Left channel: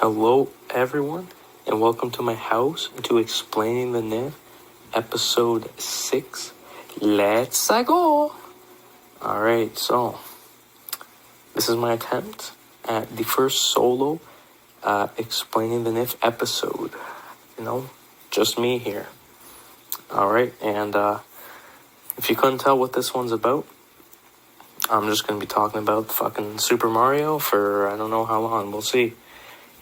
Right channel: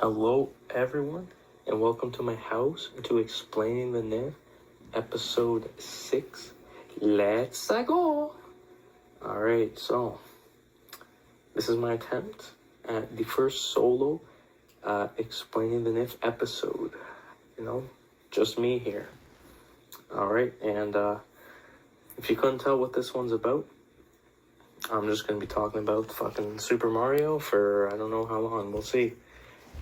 Hello, everyone, and welcome to my house to Explaining the Myth, episode 6. Let's go! Alright, so this is my attempt at the first solo Explaining the Myth episode. Just me here. Alright, and if you couldn't tell what this one's about, I'm just going to be talking about fucking Super Mario for I don't know how long. We'll see.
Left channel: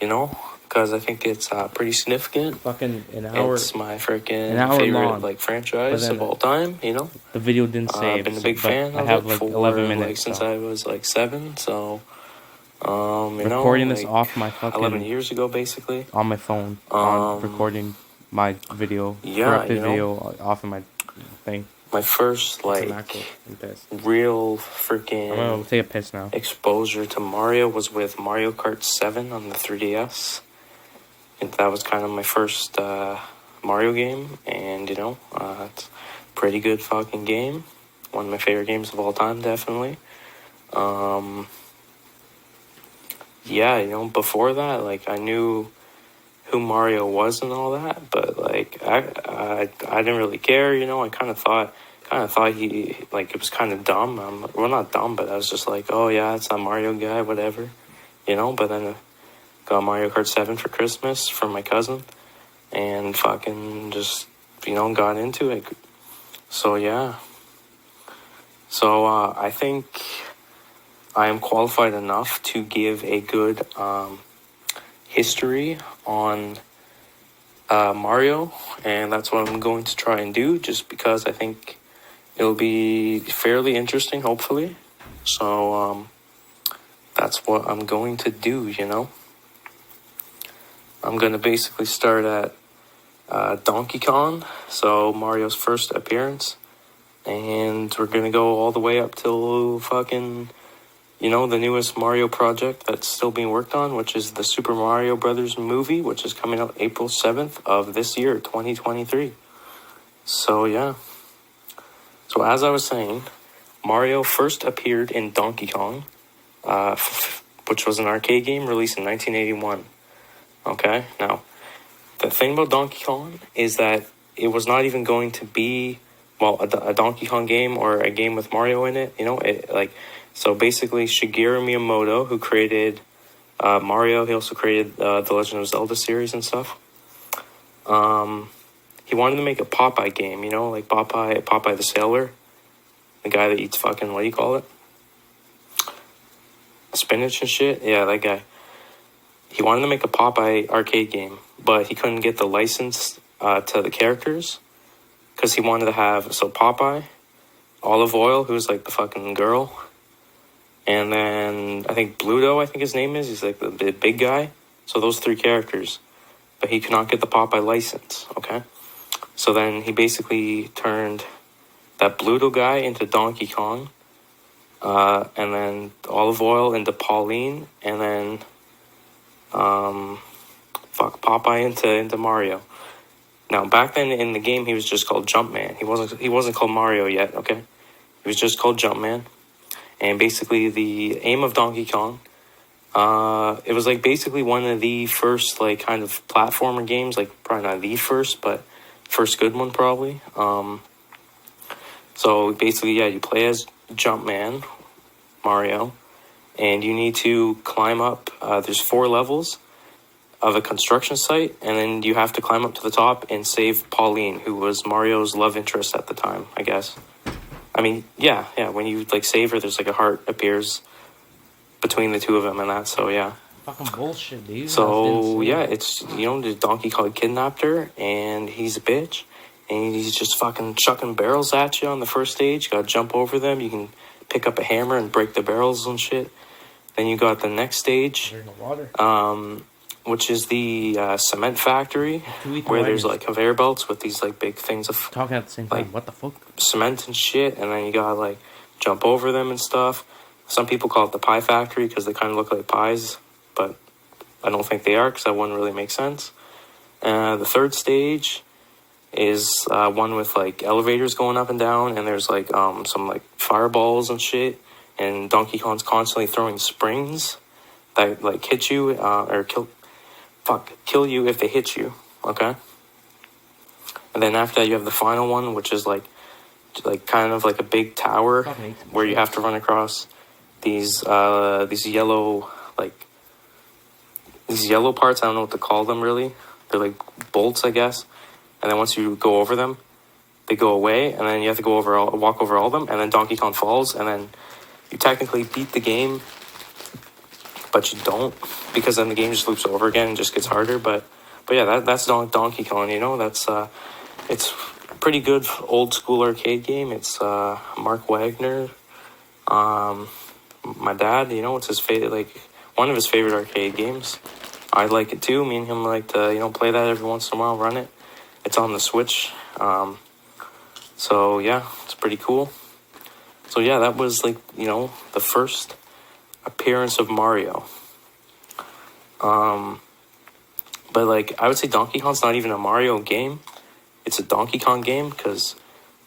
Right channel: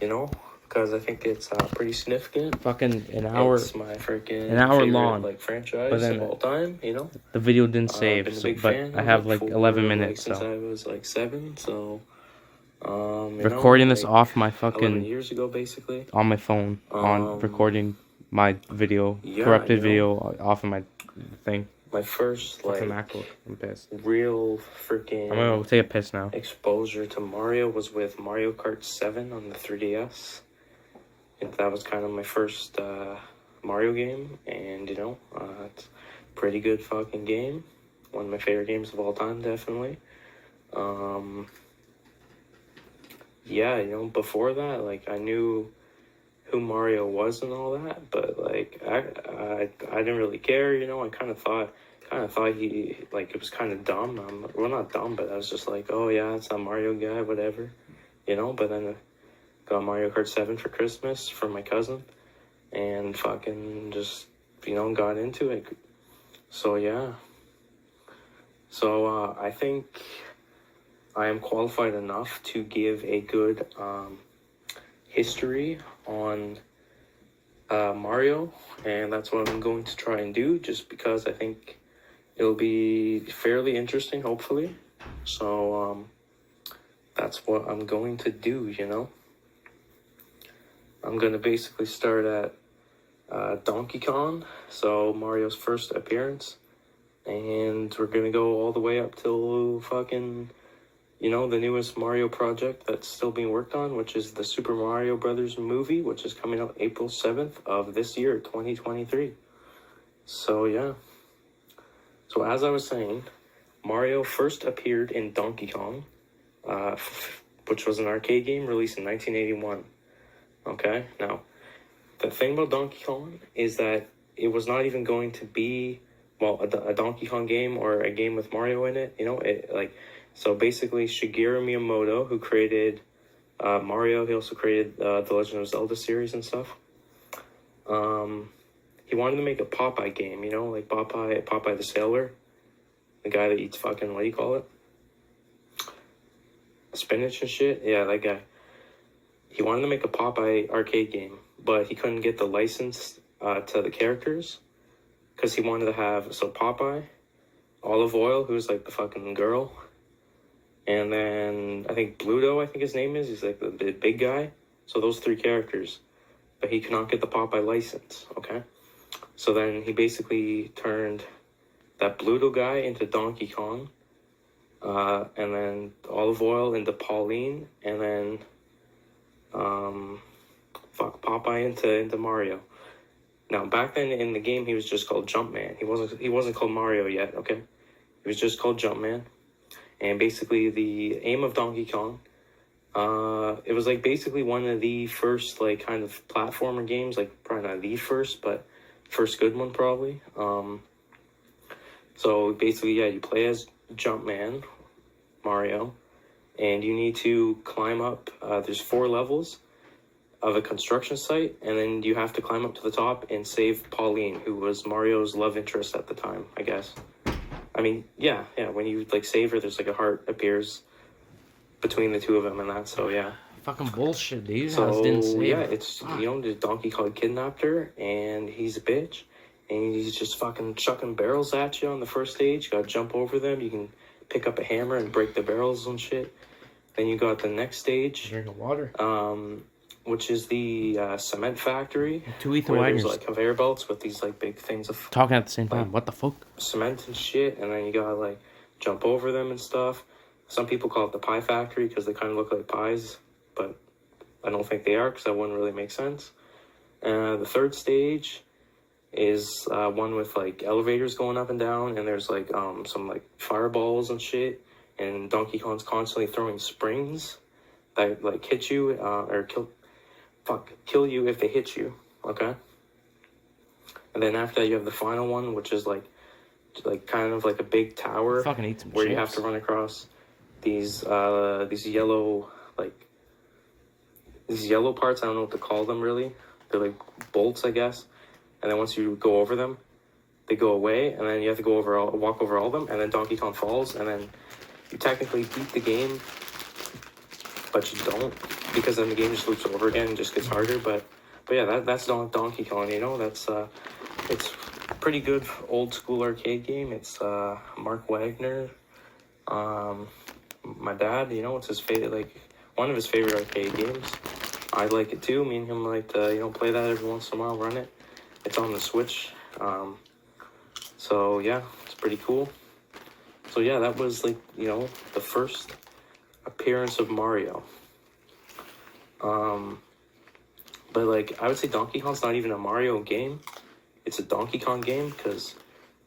Because I think it's pretty significant. Fucking an hour. It's my freaking favorite long franchise of all time. The video didn't save. I've been a big fan. I have of it 11 minutes since I was 7. So, recording this off my fucking 11 years ago, basically. On my phone, on recording my video, corrupted video off of my thing. My first I'm pissed. Real freaking. I'm gonna take a piss now. Exposure to Mario was with Mario Kart 7 on the 3DS. And that was kind of my first Mario game, and it's a pretty good fucking game. One of my favorite games of all time, definitely. Before that, I knew who Mario was and all that, but I didn't really care. I kind of thought he it was kind of dumb. Well, not dumb, but I was just like, oh yeah, it's that Mario guy, whatever. But then got Mario Kart 7 for Christmas from my cousin, and fucking just got into it. So yeah. So I think I am qualified enough to give a good history on Mario, and that's what I'm going to try and do, just because I think it'll be fairly interesting, hopefully. So that's what I'm going to do. I'm going to basically start at Donkey Kong, so Mario's first appearance, and we're going to go all the way up till fucking the newest Mario project that's still being worked on, which is the Super Mario Brothers movie, which is coming out April 7th of this year, 2023. So, yeah. So, as I was saying, Mario first appeared in Donkey Kong, which was an arcade game released in 1981. Okay? Now, the thing about Donkey Kong is that it was not even going to be, a Donkey Kong game or a game with Mario in it, So basically, Shigeru Miyamoto, who created Mario, he also created the Legend of Zelda series and stuff. He wanted to make a Popeye game, like Popeye the Sailor, the guy that eats fucking, what do you call it? Spinach and shit? Yeah, that guy. He wanted to make a Popeye arcade game, but he couldn't get the license to the characters, because he wanted to have, Popeye, Olive Oil, who's the fucking girl, and then I think Bluto, his name is. He's the big guy. So those 3 characters. But he could not get the Popeye license, okay? So then he basically turned that Bluto guy into Donkey Kong. And then Olive Oil into Pauline. And then Popeye into Mario. Now, back then in the game, he was just called Jumpman. He wasn't called Mario yet, okay? He was just called Jumpman. And basically, the aim of Donkey Kong, it was basically one of the first kind of platformer games, probably not the first, but first good one probably. So basically, yeah, you play as Jumpman, Mario, and you need to climb up. There's 4 levels of a construction site, and then you have to climb up to the top and save Pauline, who was Mario's love interest at the time, I guess. I mean, yeah, when you, save her, there's, a heart appears between the two of them and that, so, yeah. Fucking bullshit, dude. So, yeah, it's, the Donkey Kong kidnapped her, and he's a bitch, and he's just fucking chucking barrels at you on the first stage. You gotta jump over them. You can pick up a hammer and break the barrels and shit. Then you got the next stage. You're in the water. Which is the cement factory, where there's conveyor belts with these big things of talking at the same time. What the fuck? Cement and shit, and then you gotta jump over them and stuff. Some people call it the pie factory because they kind of look like pies, but I don't think they are, because that wouldn't really make sense. The third stage is one with elevators going up and down, and there's some fireballs and shit, and Donkey Kong's constantly throwing springs that hit you or kill. kill you if they hit you, okay? And then after that, you have the final one, which is like kind of like a big tower where you have to run across these yellow these yellow parts. I don't know what to call them really. They're like bolts, I guess. And then once you go over them, they go away, and then you have to walk over all of them, and then Donkey Kong falls, and then you technically beat the game, but you don't, because then the game just loops over again and just gets harder. But yeah, that's Donkey Kong. You know, that's it's a pretty good old school arcade game. It's Mark Wagner. My dad, you know, it's his favorite, one of his favorite arcade games. I like it too. Me and him like to, play that every once in a while, run it. It's on the Switch. So yeah, it's pretty cool. So yeah, that was the first appearance of Mario. But I would say Donkey Kong's not even a Mario game. It's a Donkey Kong game because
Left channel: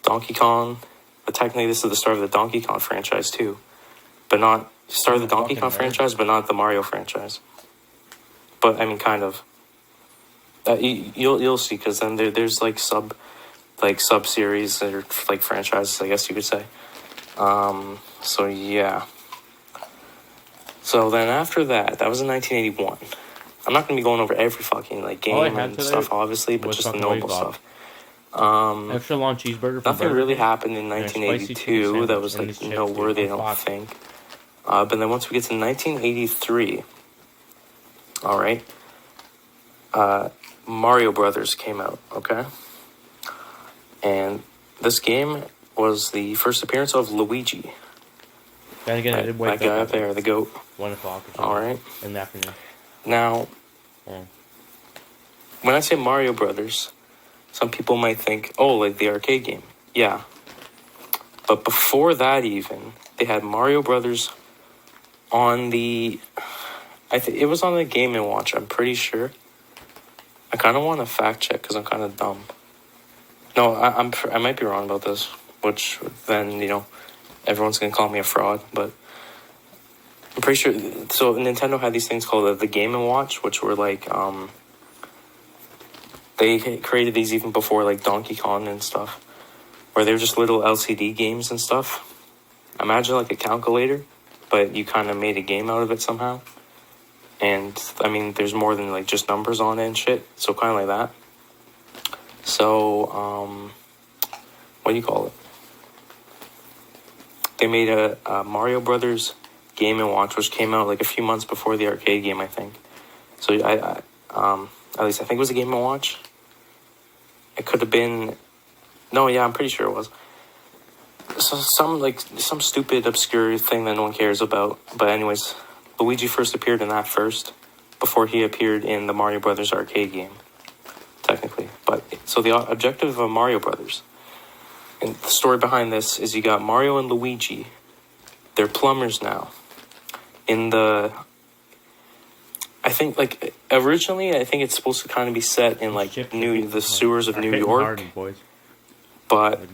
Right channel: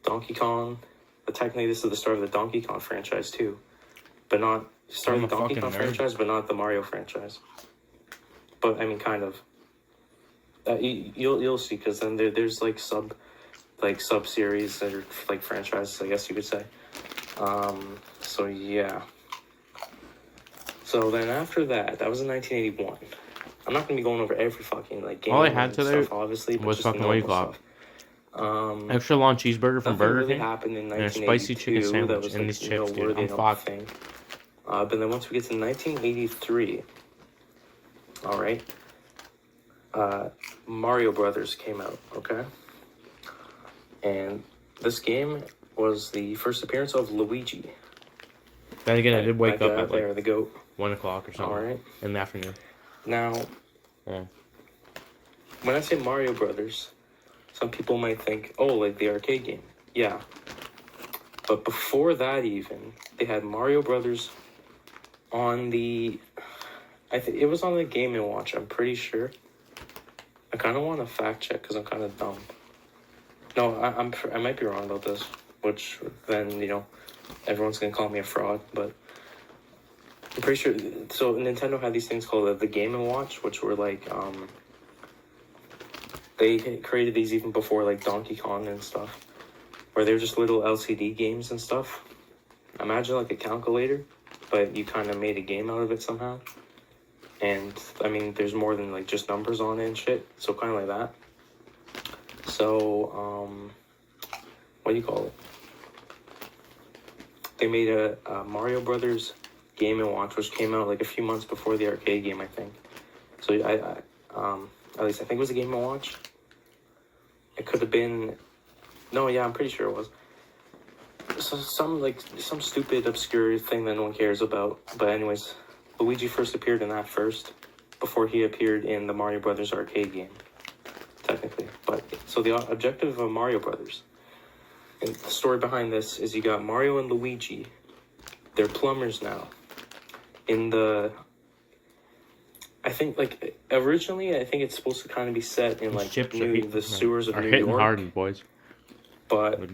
Donkey Kong, technically this is the start of the Donkey Kong franchise too. But not start of the Donkey Kong franchise, but not the Mario franchise. But I mean, kind of. You'll see, because then there's sub series or franchises, I guess you could say. So yeah. So then after that was in 1981. I'm not gonna be going over every fucking game and stuff, obviously, but just the normal stuff. Extra long cheeseburger from nothing really happened in 1982 that was noteworthy, I don't think. But then once we get to 1983, all right, Mario Brothers came out, okay? And this game was the first appearance of Luigi. Then again, I did wake up there, the goat. 1 o'clock or something. All right. In the afternoon. Now, when I say Mario Brothers, some people might think, the arcade game. Yeah. But before that even, they had Mario Brothers on the... it was on the Game & Watch, I'm pretty sure. I kind of want to fact check because I'm kind of dumb. No, I might be wrong about this, which then, everyone's going to call me a fraud, but I'm pretty sure. So Nintendo had these things called the Game & Watch, which were they created these even before Donkey Kong and stuff, where they were just little LCD games and stuff. Imagine a calculator, but you kind of made a game out of it somehow. And, I mean, there's more than, just numbers on it and shit. So, kind of like that. So, what do you call it? They made a Mario Brothers Game & Watch, which came out, a few months before the arcade game, I think. So, at least I think it was a Game & Watch. It could have been... No, yeah, I'm pretty sure it was. So, some stupid, obscure thing that no one cares about. But anyways... Luigi first appeared in that first, before he appeared in the Mario Brothers arcade game, technically. But so the objective of Mario Brothers, and the story behind this is you got Mario and Luigi. They're plumbers now. I think originally I think it's supposed to kind of be set in the sewers of New York. But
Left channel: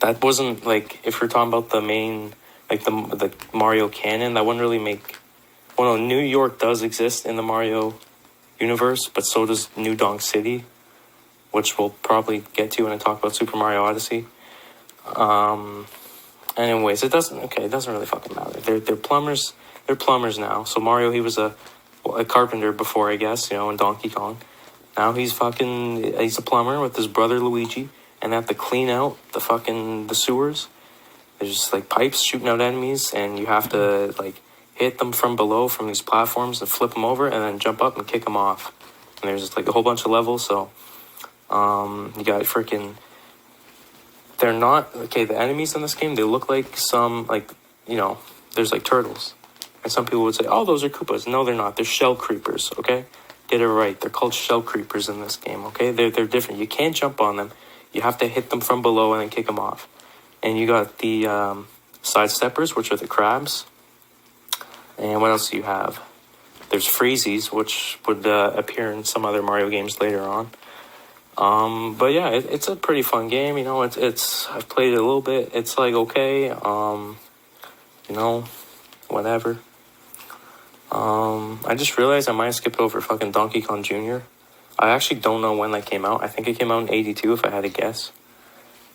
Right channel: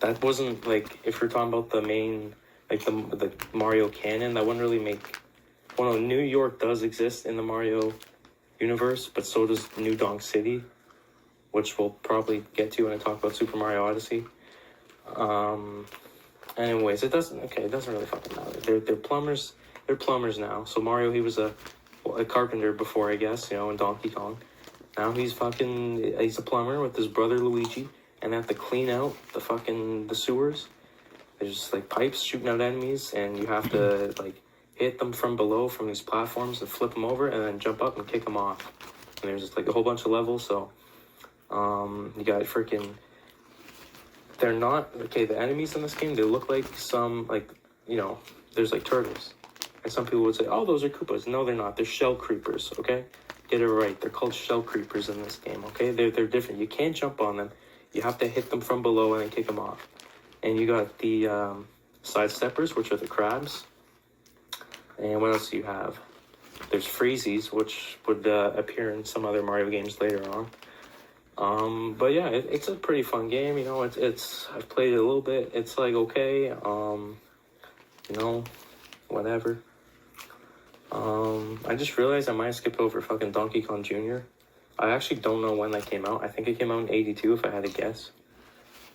that wasn't if we're talking about the main. The Mario canon, that wouldn't really make... Well, no, New York does exist in the Mario universe, but so does New Donk City, which we'll probably get to when I talk about Super Mario Odyssey. Anyways, it doesn't really fucking matter. They're plumbers. They're plumbers now. So Mario, he was a carpenter before, I guess, in Donkey Kong. Now he's a plumber with his brother Luigi, and they have to clean out the sewers. There's just pipes shooting out enemies, and you have to hit them from below from these platforms and flip them over, and then jump up and kick them off. And there's a whole bunch of levels. So you got they're not the enemies in this game. They look like some there's turtles, and some people would say, oh, those are Koopas. No, they're not. They're shell creepers. Okay, get it right. They're called shell creepers in this game. Okay, they're different. You can't jump on them. You have to hit them from below and then kick them off. And you got the side steppers, which are the crabs. And what else do you have? There's freezies, which would appear in some other Mario games later on. But yeah, it's a pretty fun game. I've played it a little bit. It's okay. Whatever. I just realized I might have skipped over fucking Donkey Kong Jr. I actually don't know when that came out. I think it came out in 82 if I had to guess.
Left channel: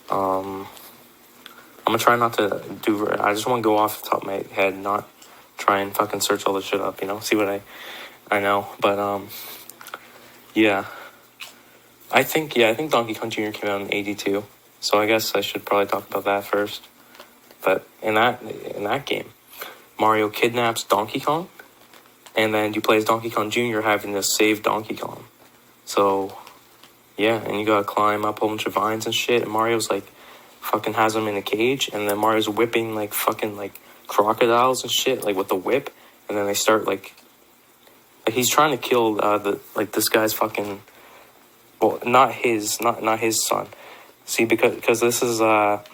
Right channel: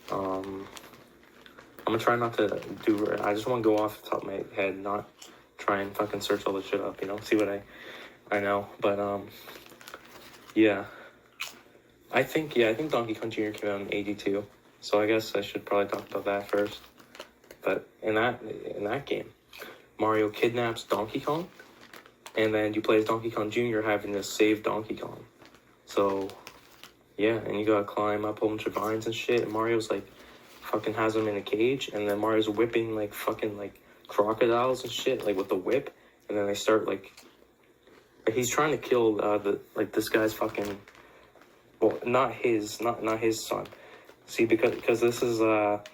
I'm gonna try not to do... I just want to go off the top of my head, not try and fucking search all this shit up, see what I know. But, yeah. I think Donkey Kong Jr. came out in 82. So I guess I should probably talk about that first. But in that game, Mario kidnaps Donkey Kong, and then you play as Donkey Kong Jr. having to save Donkey Kong. So, yeah, and you gotta climb up a whole bunch of vines and shit, and Mario's, fucking has him in a cage, and then Mario's whipping, fucking, crocodiles and shit, with the whip, and then they start, he's trying to kill, this guy's fucking, well, not his son. See, because this is not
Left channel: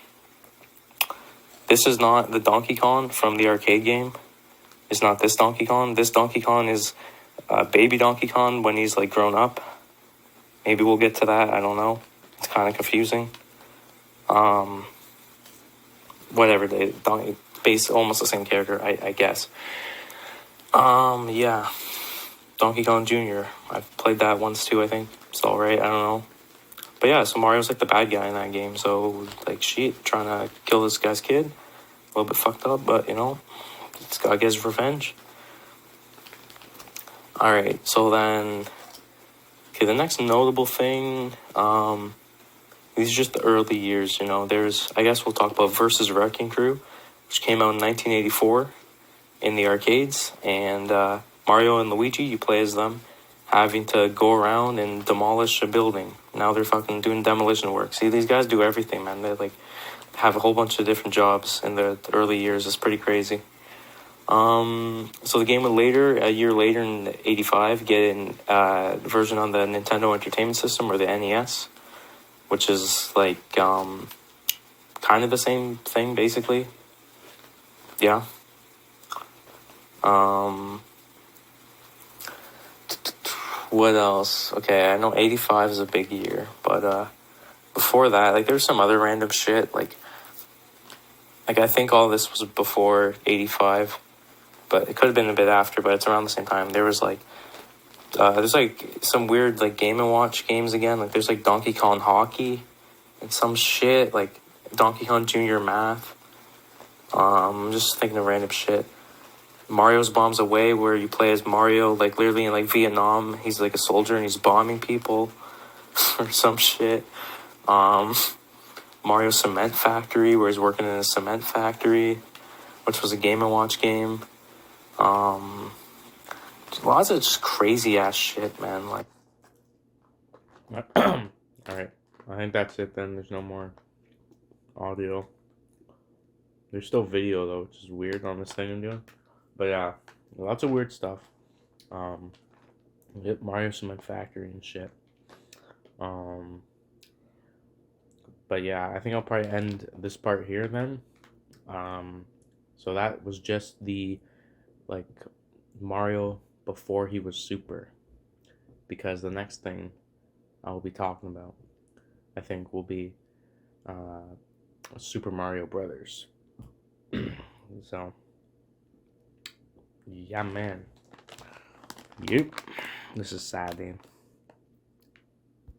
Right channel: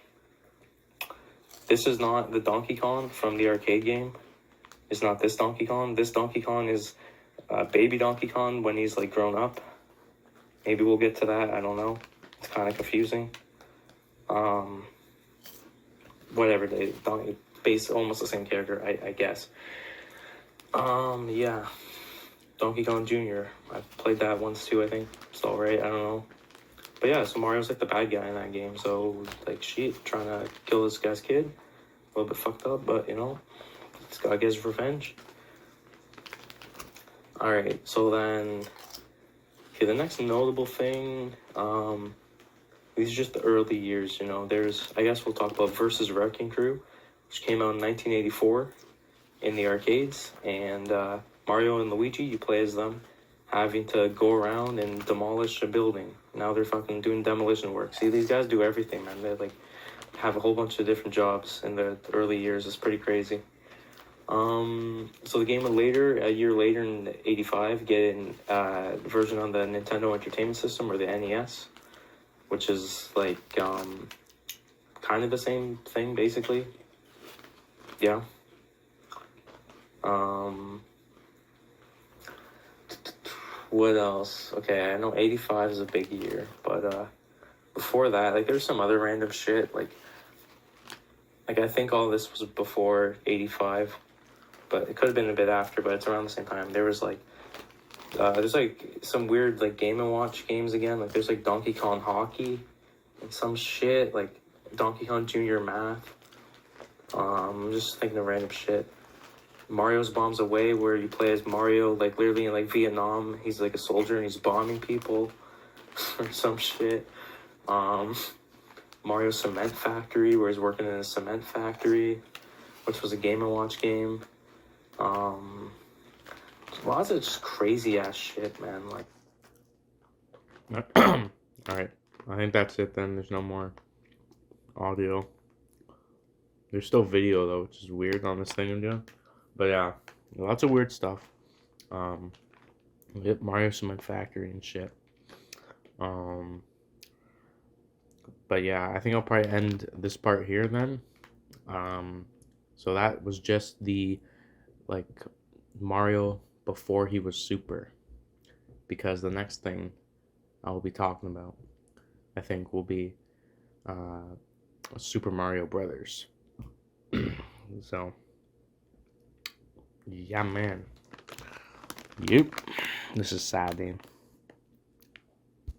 the Donkey Kong from the arcade game. It's not this Donkey Kong. This Donkey Kong is baby Donkey Kong when he's, grown up. Maybe we'll get to that. I don't know. It's kind of confusing. Whatever. Based almost the same character, I guess. Yeah. Donkey Kong Jr. I've played that once too, I think. It's alright. I don't know. But yeah, so Mario's, the bad guy in that game. So, shit, trying to kill this guy's kid. A little bit fucked up, but, it's gotta get his revenge. Alright, so then... Okay, the next notable thing, these are just the early years, There's, I guess we'll talk about Versus Wrecking Crew, which came out in 1984 in the arcades. And Mario and Luigi, you play as them, having to go around and demolish a building. Now they're fucking doing demolition work. See, these guys do everything, man. They, have a whole bunch of different jobs in the early years. It's pretty crazy. So the game would a year later in 85, get a version on the Nintendo Entertainment System, or the NES, which is, kind of the same thing, basically. Yeah. What else? Okay, I know 85 is a big year, but, before that, there's some other random shit, I think all this was before 85, but it could have been a bit after, but it's around the same time. There was, there's, some weird, Game & Watch games again. There's, Donkey Kong Hockey and some shit, Donkey Kong Jr. Math. I'm just thinking of random shit. Mario's Bombs Away, where you play as Mario, literally in, Vietnam. He's, a soldier, and he's bombing people or some shit. Mario Cement Factory, where he's working in a cement factory, which was a Game & Watch game. Lots of just crazy-ass shit, man. Alright, I think that's it then. There's no more audio. There's still video, though, which is weird on this thing I'm doing. But yeah, lots of weird stuff. Hit Mario Cement Factory and shit. But yeah, I think I'll probably end this part here then. So that was just the, Mario before he was Super. Because the next thing I will be talking about, I think, will be Super Mario Brothers. So, yeah, man. Yep. This is sad, man.